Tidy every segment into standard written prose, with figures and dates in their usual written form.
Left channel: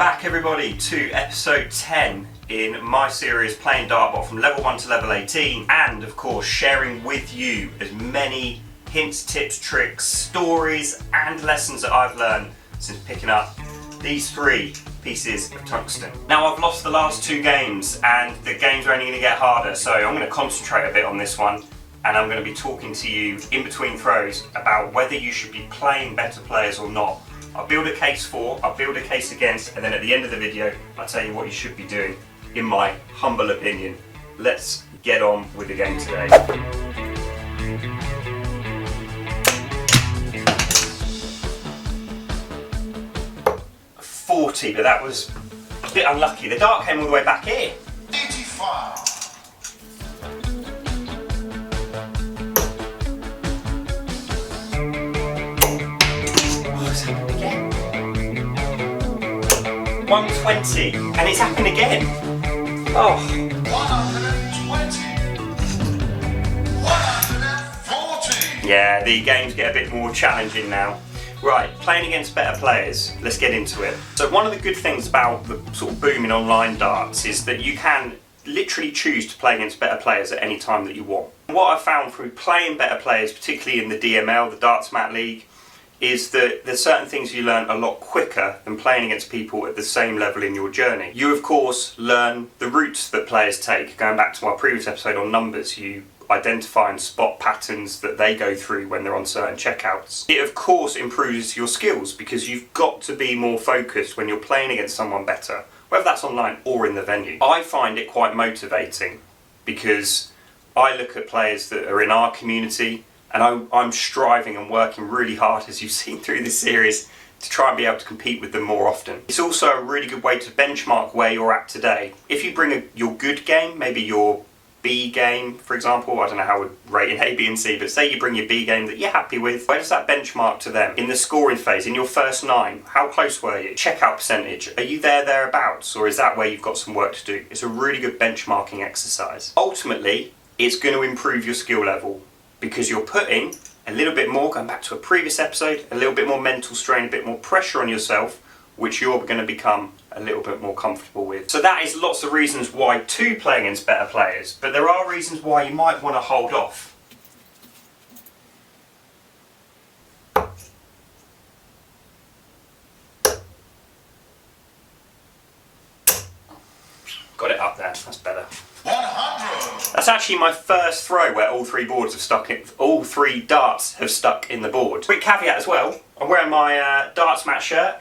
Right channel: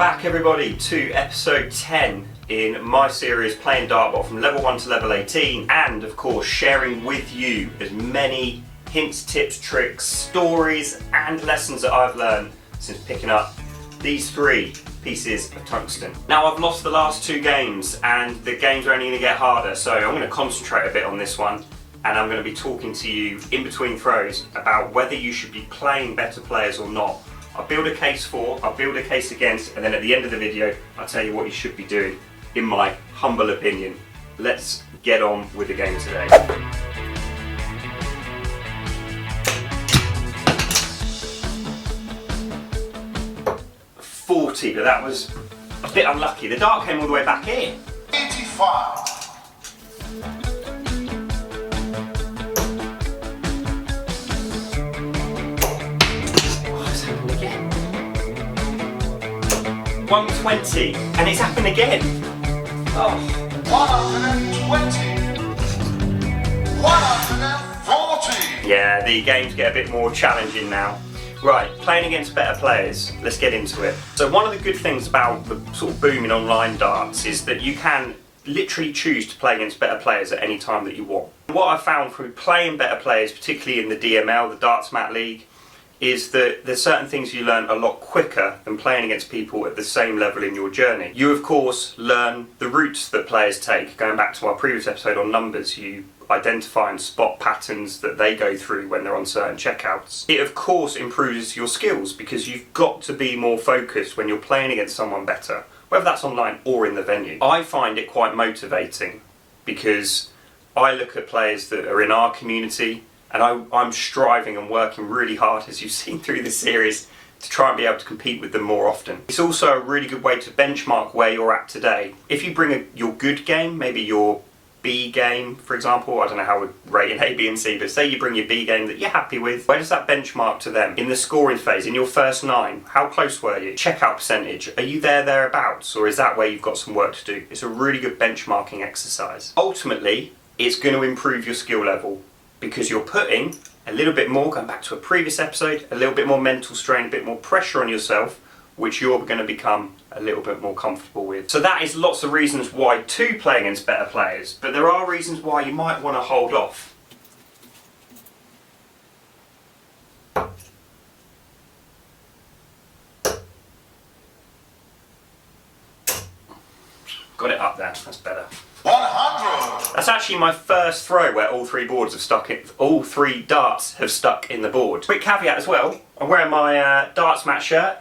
back everybody to episode 10 in my series playing Dartbot from level 1 to level 18, and of course sharing with you as many hints, tips, tricks, stories and lessons that I've learned since picking up these 3 pieces of tungsten. Now I've lost the last 2 games and the games are only going to get harder, so I'm going to concentrate a bit on this one, and I'm going to be talking to you in between throws about whether you should be playing better players or not. I'll build a case for, I'll build a case against, and then at the end of the video I'll tell you what you should be doing, in my humble opinion. Let's get on with the game today. $40, but that was a bit unlucky. The dart came all the way back here. 85. Again. 120, and it's happened again. Oh. 120. 140. Yeah, the games get a bit more challenging now. Right, playing against better players, let's get into it. So one of the good things about the sort of booming online darts is that you can literally choose to play against better players at any time that you want. What I've found through playing better players, particularly in the DML, the DartsMatt League, is that there's certain things you learn a lot quicker than playing against people at the same level in your journey. You of course learn the routes that players take. Going back to my previous episode on numbers, you identify and spot patterns that they go through when they're on certain checkouts. It of course improves your skills because you've got to be more focused when you're playing against someone better, whether that's online or in the venue. I find it quite motivating because I look at players that are in our community and I'm striving and working really hard, as you've seen through this series, to try and be able to compete with them more often. It's also a really good way to benchmark where you're at today. If you bring your good game, maybe your B game, for example, I don't know how we'd rate in A, B and C, but say you bring your B game that you're happy with, where does that benchmark to them? In the scoring phase, in your first 9, how close were you? Checkout percentage, are you thereabouts, or is that where you've got some work to do? It's a really good benchmarking exercise. Ultimately, it's going to improve your skill level because you're putting a little bit more, going back to a previous episode, a little bit more mental strain, a bit more pressure on yourself, which you're going to become a little bit more comfortable with. So that is lots of reasons why to play against better players, but there are reasons why you might want to hold off. Got it up there, that's better. 100. That's actually my first throw where all 3 boards have stuck in, all 3 darts have stuck in the board. Quick caveat as well, I'm wearing my DartsMatt shirt.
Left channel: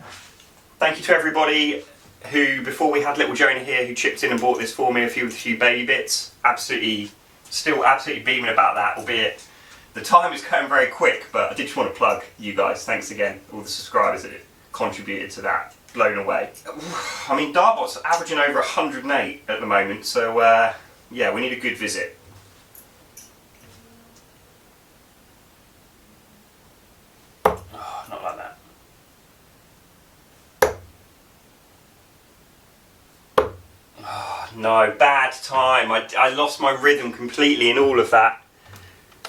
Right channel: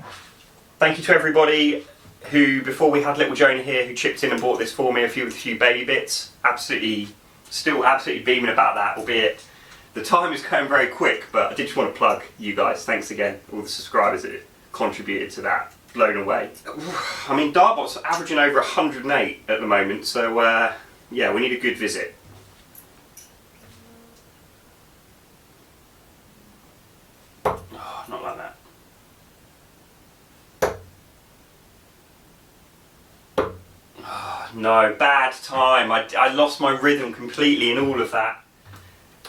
Thank you to everybody who, before we had little Jonah here, who chipped in and bought this for me, a few baby bits. Still absolutely beaming about that, albeit the time is going very quick, but I did just want to plug you guys. Thanks again, all the subscribers that contributed to that. Blown away. I mean, Dartbot's averaging over 108 at the moment, so yeah, we need a good visit. Oh, not like that. Oh, no, bad time. I lost my rhythm completely in all of that.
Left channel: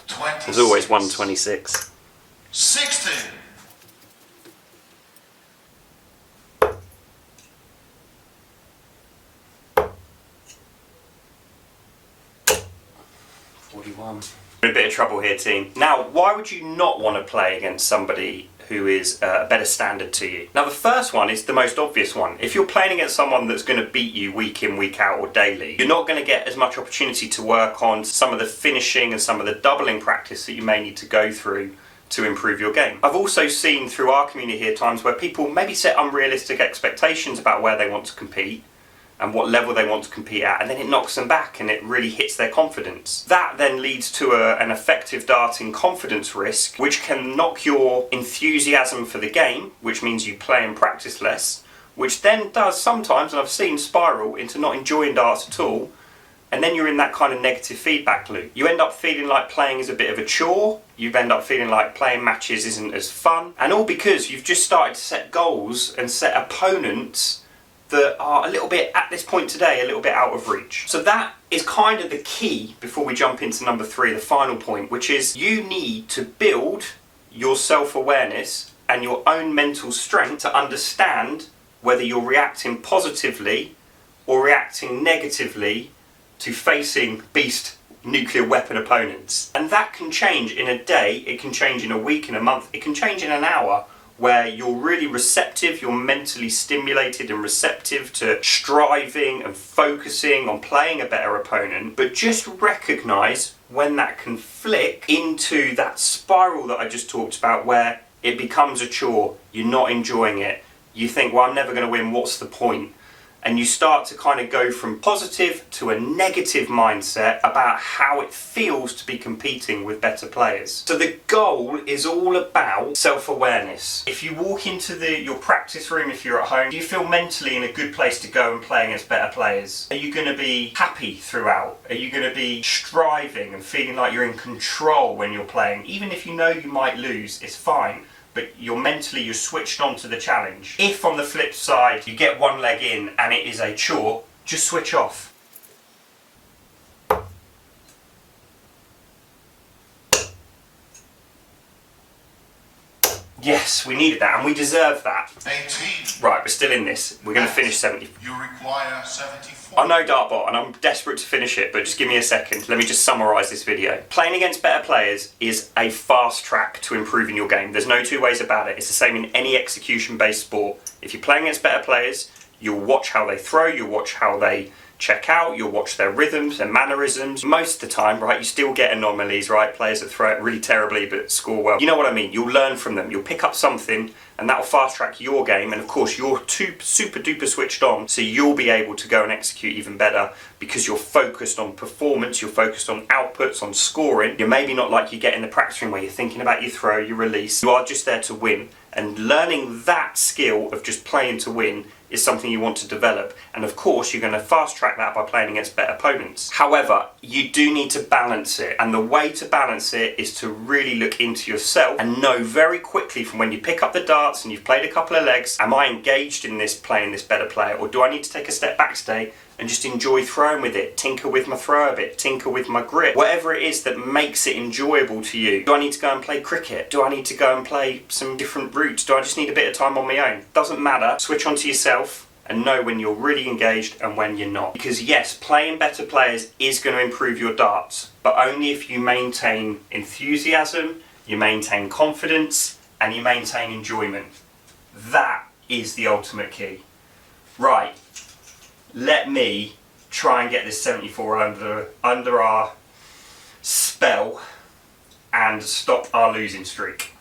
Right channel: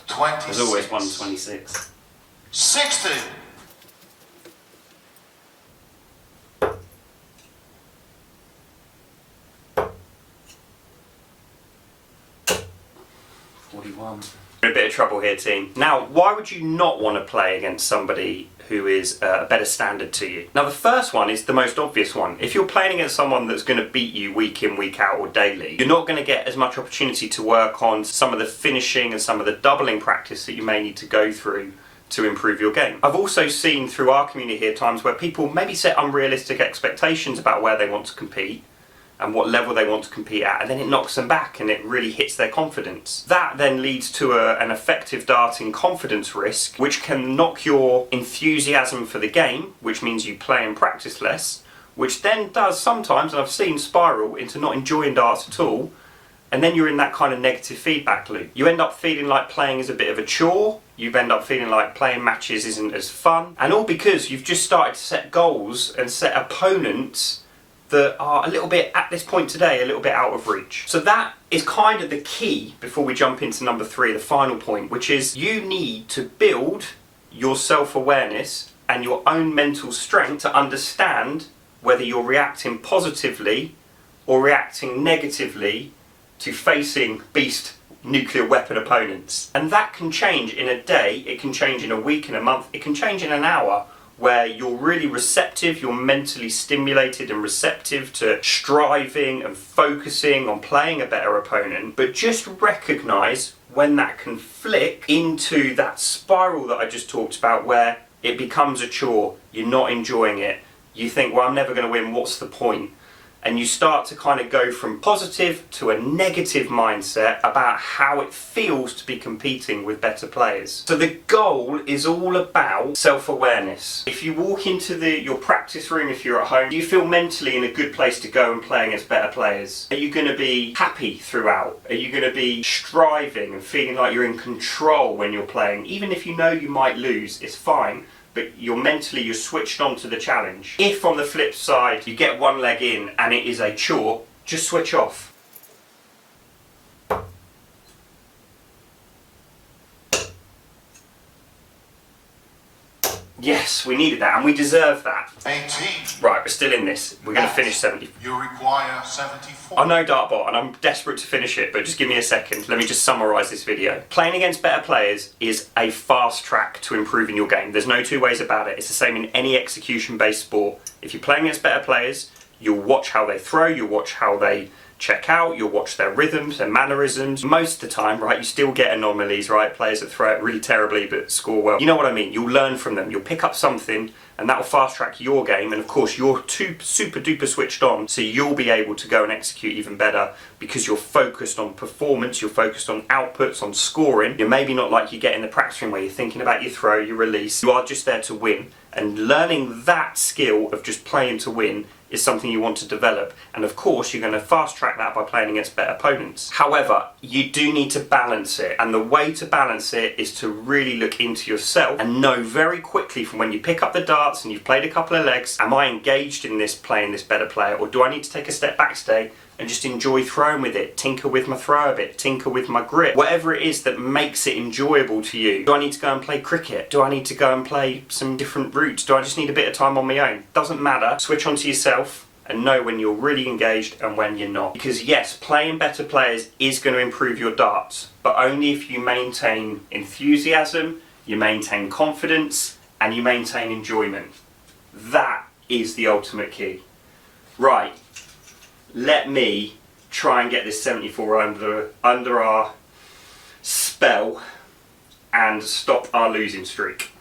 26. There's always 126. 60. 41. In a bit of trouble here, team. Now, why would you not want to play against somebody who is a better standard to you? Now, the first one is the most obvious one. If you're playing against someone that's going to beat you week in, week out, or daily, you're not going to get as much opportunity to work on some of the finishing and some of the doubling practice that you may need to go through to improve your game. I've also seen through our community here times where people maybe set unrealistic expectations about where they want to compete and what level they want to compete at, and then it knocks them back and it really hits their confidence. That then leads to an effective darting confidence risk, which can knock your enthusiasm for the game, which means you play and practice less, which then does sometimes, and I've seen, spiral into not enjoying darts at all, and then you're in that kind of negative feedback loop. You end up feeling like playing is a bit of a chore, you end up feeling like playing matches isn't as fun, and all because you've just started to set goals and set opponents that are a little bit, at this point today, a little bit out of reach. So that is kind of the key before we jump into number 3, the final point, which is you need to build your self-awareness and your own mental strength to understand whether you're reacting positively or reacting negatively to facing beast nuclear weapon opponents. And that can change in a day, it can change in a week, in a month, it can change in an hour, where you're really receptive, you're mentally stimulated and receptive to striving and focusing on playing a better opponent. But just recognise when that can flick into that spiral that I just talked about, where it becomes a chore, you're not enjoying it, you think, well, I'm never going to win, what's the point? And you start to kind of go from positive to a negative mindset about how it feels to be competing with better players. So the goal is all about self-awareness. If you walk into your practice room, if you're at home, do you feel mentally in a good place to go and play against better players? Are you going to be happy throughout? Are you going to be striving and feeling like you're in control when you're playing? Even if you know you might lose, it's fine. But you're switched on to the challenge. If on the flip side you get one leg in and it is a chore, just switch off. Yes, we needed that and we deserve that. 18. Right, we're still in this. We're going to finish 70. You require 74. I know Dartbot and I'm desperate to finish it, but just give me a second. Let me just summarise this video. Playing against better players is a fast track to improving your game. There's no two ways about it. It's the same in any execution-based sport. If you're playing against better players, you'll watch how they throw, you'll watch how they check out, you'll watch their rhythms, their mannerisms. Most of the time, right, you still get anomalies, right? Players that throw it really terribly but score well. You know what I mean? You'll learn from them. You'll pick up something and that'll fast track your game, and of course you're super duper switched on, so you'll be able to go and execute even better because you're focused on performance, you're focused on outputs, on scoring. You're maybe not like you get in the practice room where you're thinking about your throw, your release. You are just there to win, and learning that skill of just playing to win is something you want to develop, and of course you're going to fast track that by playing against better opponents. However, you do need to balance it, and the way to balance it is to really look into yourself and know very quickly from when you pick up the darts and you've played a couple of legs, am I engaged in this playing this better player, or do I need to take a step back today and just enjoy throwing with it, tinker with my throw a bit, tinker with my grip, whatever it is that makes it enjoyable to you. Do I need to go and play cricket? Do I need to go and play some different routes? Do I just need a bit of time on my own? Doesn't matter. Switch on to yourself and know when you're really engaged and when you're not. Because yes, playing better players is going to improve your darts, but only if you maintain enthusiasm, you maintain confidence, and you maintain enjoyment. That is the ultimate key. Right. Let me try and get this 74 under our spell and stop our losing streak.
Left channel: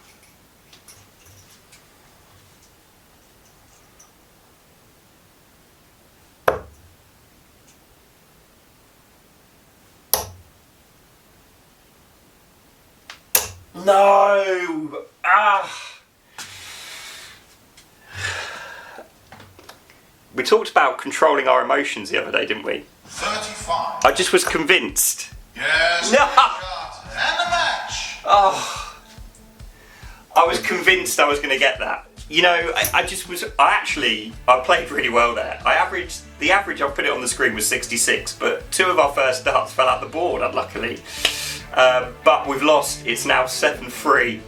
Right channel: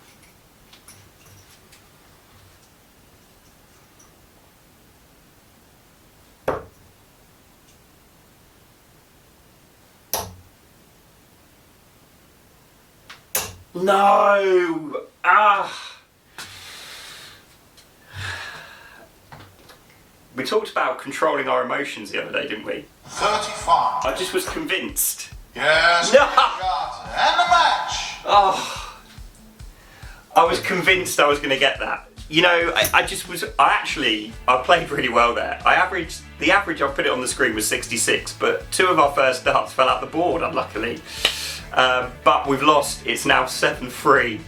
No! We talked about controlling our emotions the other day, didn't we? 35. I just was convinced. Yes. No. And the match. Oh, I was convinced I was going to get that. You know, I played really well there. The average I put it on the screen was 66, but two of our first darts fell out the board, unluckily. But we've lost. It's now 7-3,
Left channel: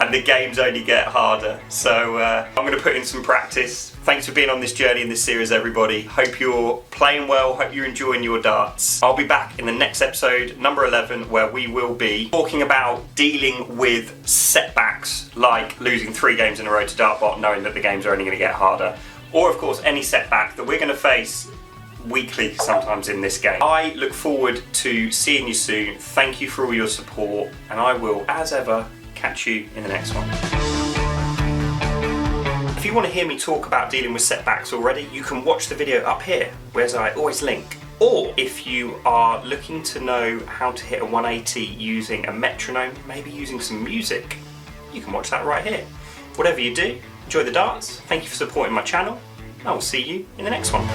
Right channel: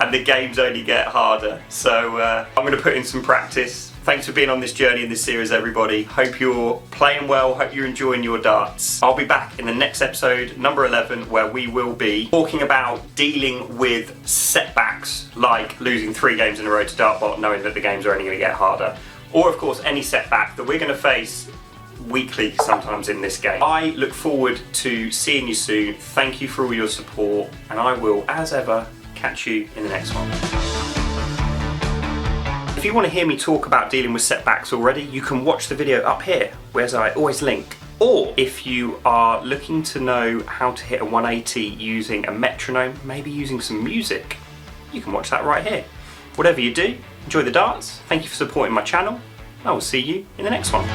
and the games only get harder. So I'm going to put in some practice. Thanks for being on this journey in this series, everybody. Hope you're playing well, hope you're enjoying your darts. I'll be back in the next episode, number 11, where we will be talking about dealing with setbacks, like losing 3 games in a row to Dartbot, knowing that the games are only going to get harder. Or, of course, any setback that we're going to face weekly sometimes in this game. I look forward to seeing you soon. Thank you for all your support, and I will, as ever, catch you in the next one. If you want to hear me talk about dealing with setbacks already, you can watch the video up here, where I always link. Or if you are looking to know how to hit a 180 using a metronome, maybe using some music, you can watch that right here. Whatever you do, enjoy the darts. Thank you for supporting my channel. I will see you in the next one.